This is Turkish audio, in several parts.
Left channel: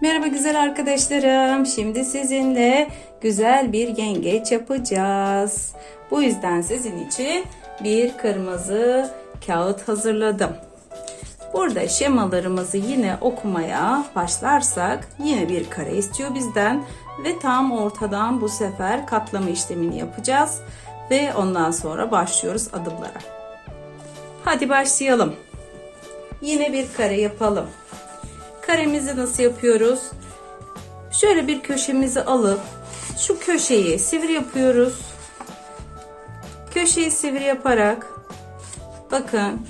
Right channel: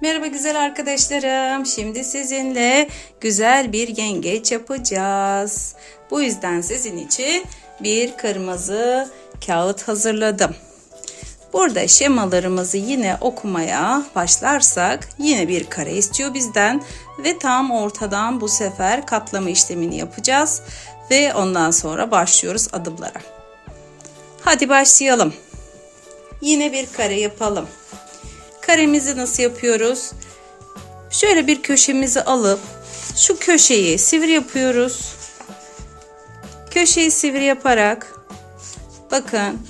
Merhaba güzel arkadaşlarım. Şimdi sizinle güzel bir yengeç yapacağız. Bu yüzden sizin için bir kırmızı kağıt hazırladım. Burada şemalarımızı yine okumaya başlarsak yine bir kare istiyor bizden ve tam ortadan bu sefer katlama işlemini yapacağız ve ondan sonra başlıyoruz adımlara. Hadi başlayalım. Yine bir kare yapalım. Karemizi nasıl yapıyoruz? Şöyle bir köşemizi alıp şu köşeyi sivri yapıyoruz. Köşeyi sivri yaparak bakın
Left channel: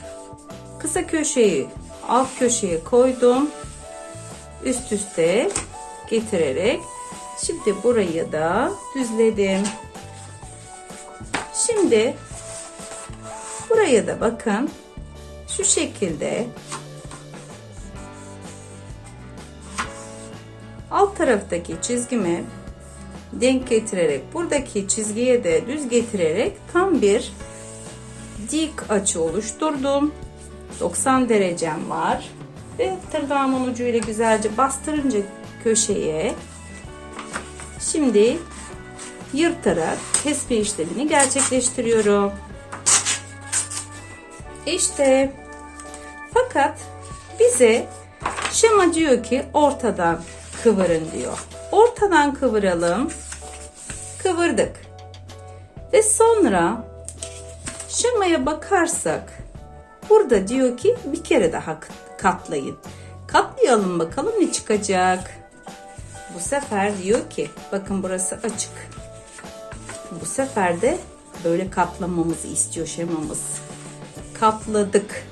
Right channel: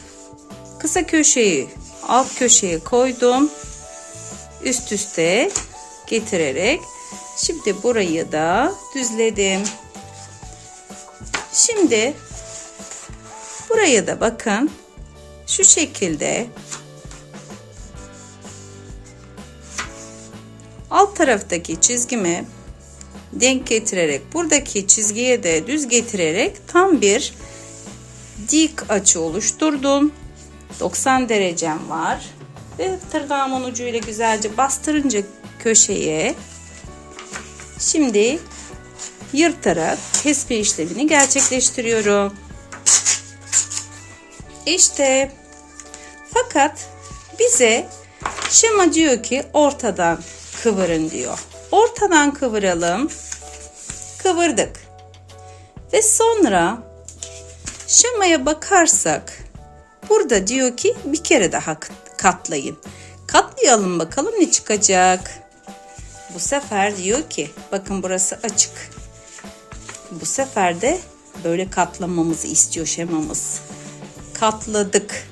kısa köşeyi alt köşeye koydum. Üst üste getirerek şimdi burayı da düzledim. Şimdi buraya da bakın şu şekilde alt taraftaki çizgimi denk getirerek buradaki çizgiye de düz getirerek tam bir dik açı oluşturdum. 90 derecem var ve tırnağımın ucuyla güzelce bastırınca köşeye şimdi yırtarak kesme işlemini gerçekleştiriyorum. İşte fakat bize şema diyor ki ortadan kıvırın diyor. Ortadan kıvıralım. Kıvırdık. Ve sonra şemaya bakarsak burada diyor ki bir kere daha katlayın. Katlayalım bakalım ne çıkacak. Bu sefer diyor ki bakın burası açık. Bu sefer de böyle katlamamızı istiyor şemamız. Katladık.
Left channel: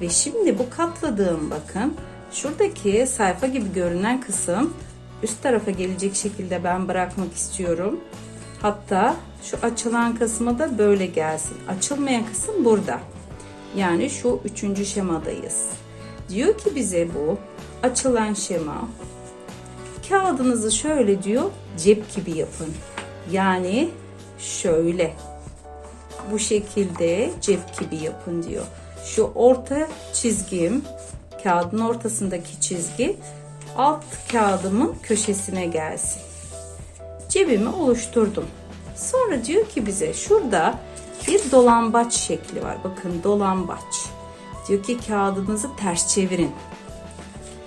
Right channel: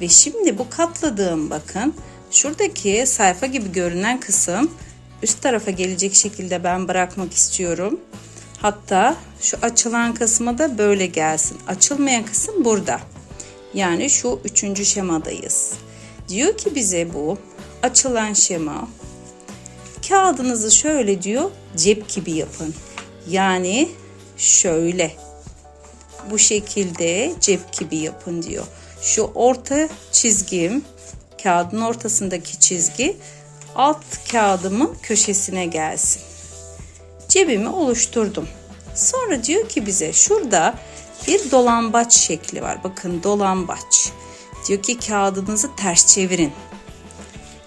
Ve şimdi bu katladığım bakın şuradaki sayfa gibi görünen kısım üst tarafa gelecek şekilde ben bırakmak istiyorum. Hatta şu açılan kısmı da böyle gelsin. Açılmayan kısım burada. Yani şu 3. şemadayız. Diyor ki bize bu açılan şema. Kağıdınızı şöyle diyor cep gibi yapın. Yani şöyle bu şekilde cep gibi yapın diyor. Şu orta çizgim kağıdın ortasındaki çizgi alt kağıdımın köşesine gelsin. Cebimi oluşturdum. Sonra diyor ki bize şurada bir dolambaç şekli var. Bakın dolambaç. Diyor ki kağıdınızı ters çevirin.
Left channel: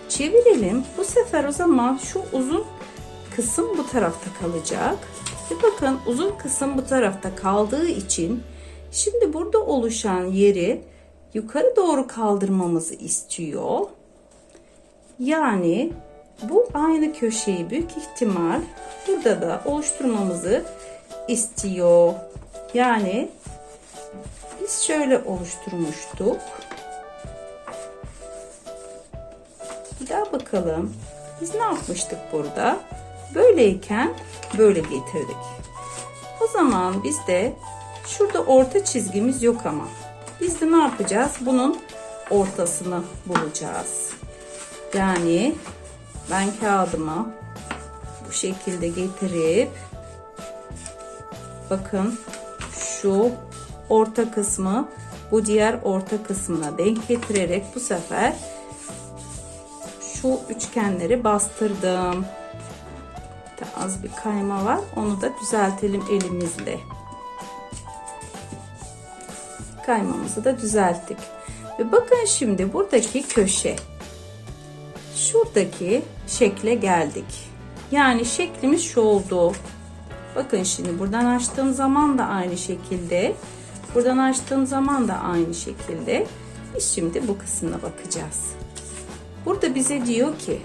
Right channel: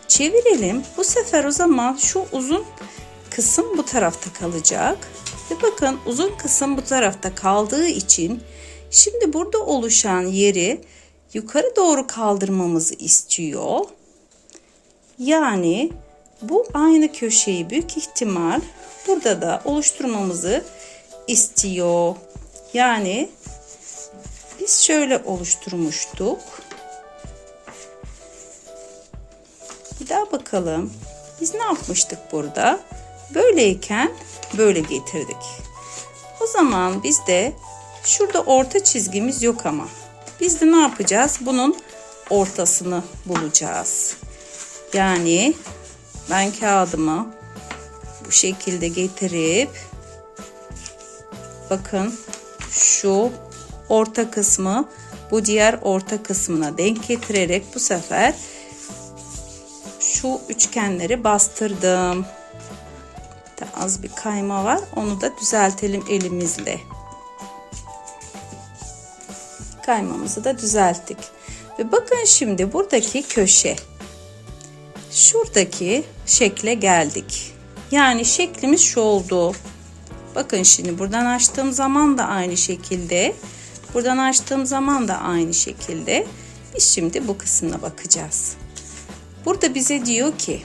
Çevirelim. Bu sefer o zaman şu uzun kısım bu tarafta kalacak. Ve bakın uzun kısım bu tarafta kaldığı için şimdi burada oluşan yeri yukarı doğru kaldırmamızı istiyor. Yani bu aynı köşeyi büyük ihtimal burada da oluşturmamızı istiyor. Yani biz şöyle oluşturmuştuk. Bir daha bakalım. Biz ne yapmıştık burada? Böyleyken böyle getirdik. O zaman biz de şurada orta çizgimiz yok ama. Biz de ne yapacağız? Bunun ortasını bulacağız. Yani ben kağıdımı bu şekilde getirip bakın şu orta kısmı bu diğer orta kısmına denk getirerek bu sefer şu üçgenleri bastırdım. Az bir kayma var. Onu da düzeltelim elimizle. Kaymamızı da düzelttik. Ve bakın şimdi buradaki köşe. Şuradaki şekle geldik. Yani şeklimiz şu oldu. Bakın şimdi buradan açtığım zaman da aynı şekilde. Buradan açtığım zaman da aynı şekilde. Biz şimdi bu kısmına bakacağız. Burada bize diyor ki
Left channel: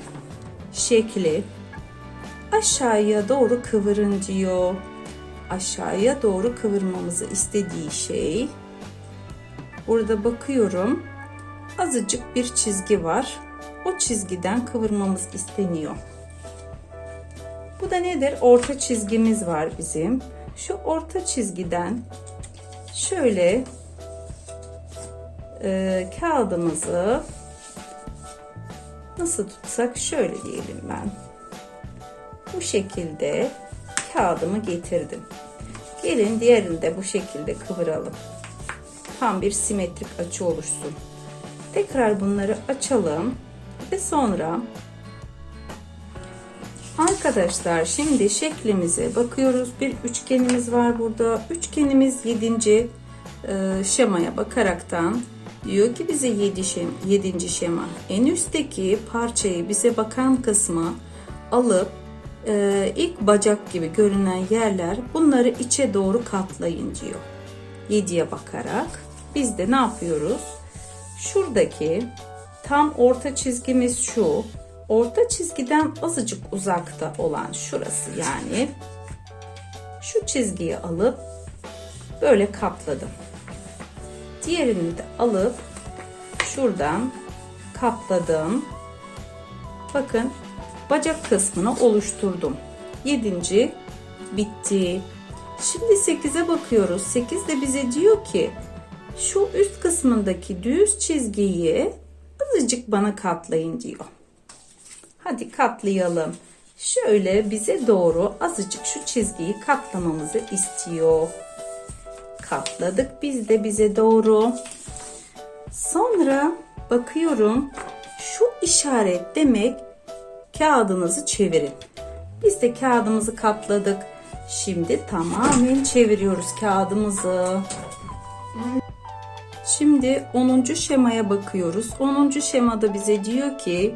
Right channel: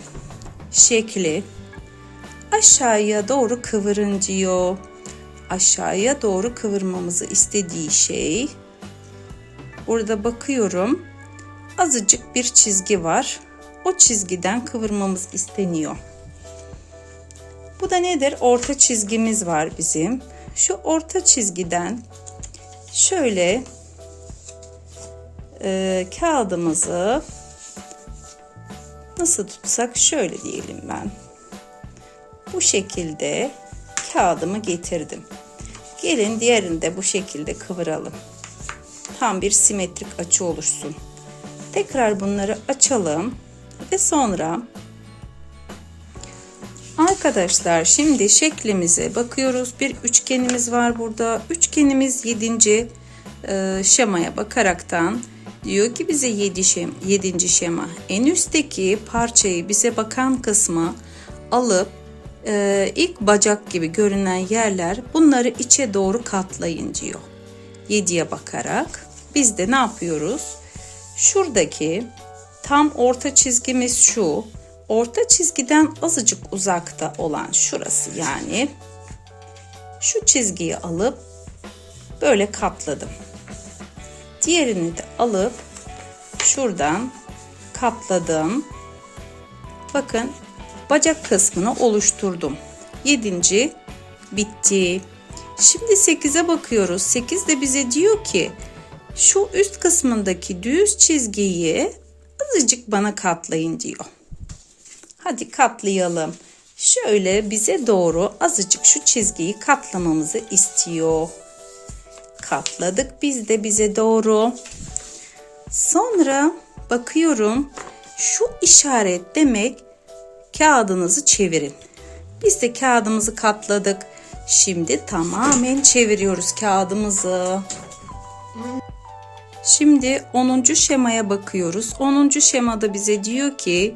şekli aşağıya doğru kıvırın diyor. Aşağıya doğru kıvırmamızı istediği şey. Burada bakıyorum. Azıcık bir çizgi var. O çizgiden kıvırmamız isteniyor. Bu da nedir? Orta çizgimiz var bizim. Şu orta çizgiden şöyle kağıdımızı Nasıl tutsak şöyle diyelim ben. Bu şekilde kağıdımı getirdim. Gelin diğerini de bu şekilde kıvıralım. Tam bir simetrik açı oluşsun. Tekrar bunları açalım ve sonra arkadaşlar şimdi şeklimize bakıyoruz. Bir üçgenimiz var burada. Üçgenimiz 7. Şemaya bakaraktan diyor ki bize 7. şema. En üstteki parçayı bize bakan kısmı alıp ilk bacak gibi görünen yerler bunları içe doğru katlayın diyor. 7'ye bakarak biz de ne yapıyoruz? Şuradaki tam orta çizgimiz şu. Orta çizgiden azıcık uzakta olan şurası yani. Şu çizgiyi alıp böyle katladım. Diğerini de alıp şuradan katladım. Bakın bacak kısmını oluşturdum. 7. bitti. Şimdi 8'e bakıyoruz. 8 de bize diyor ki şu üst kısmındaki düz çizgiyi azıcık bana katlayın diyor. Hadi katlayalım. Şöyle bize doğru azıcık şu çizgiyi katlamamızı istiyor. Katladık biz de bize doğru. Sonra bakıyorum şu işaret demek kağıdınızı çevirin. Biz de kağıdımızı katladık. Şimdi tamamen çeviriyoruz kağıdımızı. Şimdi 10. şemaya bakıyoruz. 10. şemada bize diyor ki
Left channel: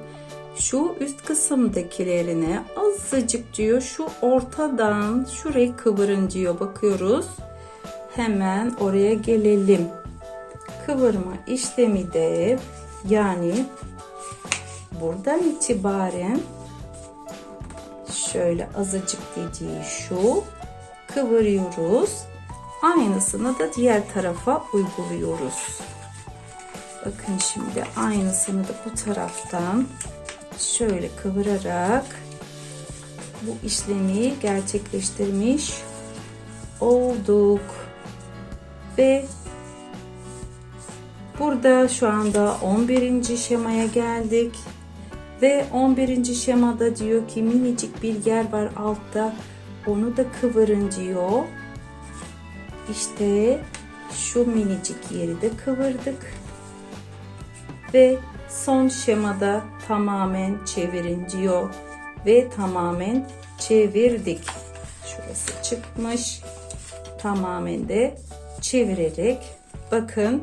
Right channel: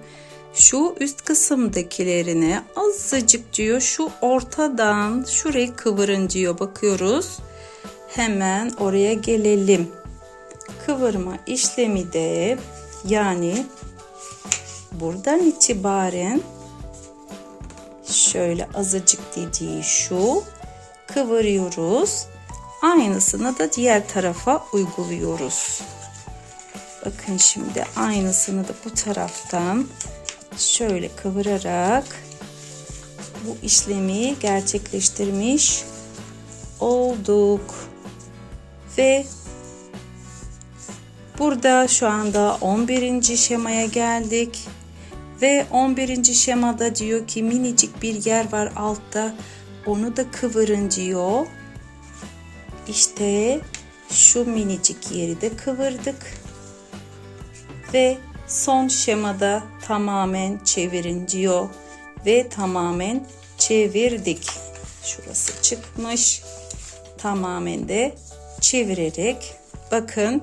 şu üst kısımdakilerini azıcık diyor şu ortadan şurayı kıvırın diyor. Bakıyoruz. Hemen oraya gelelim. Kıvırma işlemi de yani buradan itibaren şöyle azıcık dediği şu kıvırıyoruz. Aynısını da diğer tarafa uyguluyoruz. Bakın şimdi aynısını da bu taraftan şöyle kıvırarak bu işlemi gerçekleştirmiş olduk. Ve burada şu anda 11. şemaya geldik. Ve 11. şemada diyor ki minicik bir yer var altta. Onu da kıvırın diyor. İşte şu minicik yeri de kıvırdık. Ve son şemada tamamen çevirin diyor. Ve tamamen çevirdik. Şurası çıkmış. Tamamen de çevirerek bakın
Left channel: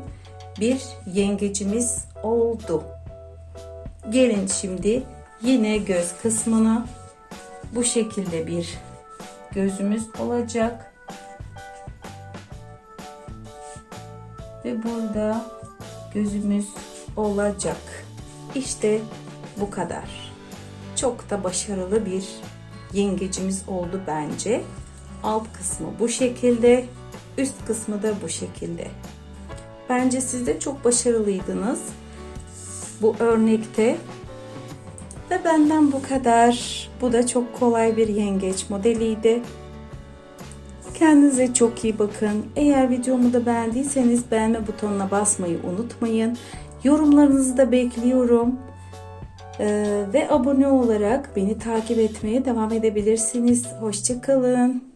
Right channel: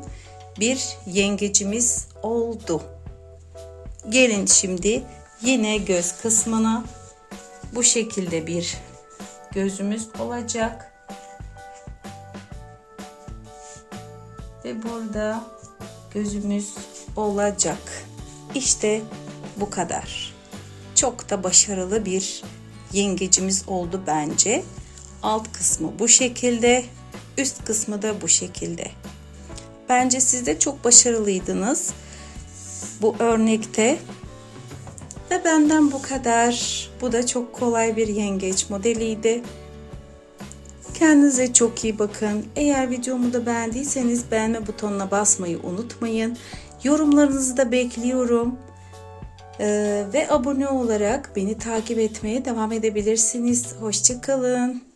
bir yengecimiz oldu. Gelin şimdi yine göz kısmına bu şekilde bir gözümüz olacak. Ve burada gözümüz olacak. İşte bu kadar. Çok da başarılı bir yengecimiz oldu bence. Alt kısmı bu şekilde, üst kısmı da bu şekilde. Bence siz de çok başarılıydınız bu örnekte. Ve benden bu kadar. Bu da çok kolay bir yengeç modeliydi. Kendinize çok iyi bakın. Eğer videomu da beğendiyseniz beğenme butonuna basmayı unutmayın. Yorumlarınızı da bekliyorum. Ve abone olarak beni takip etmeye devam edebilirsiniz. Hoşça kalın.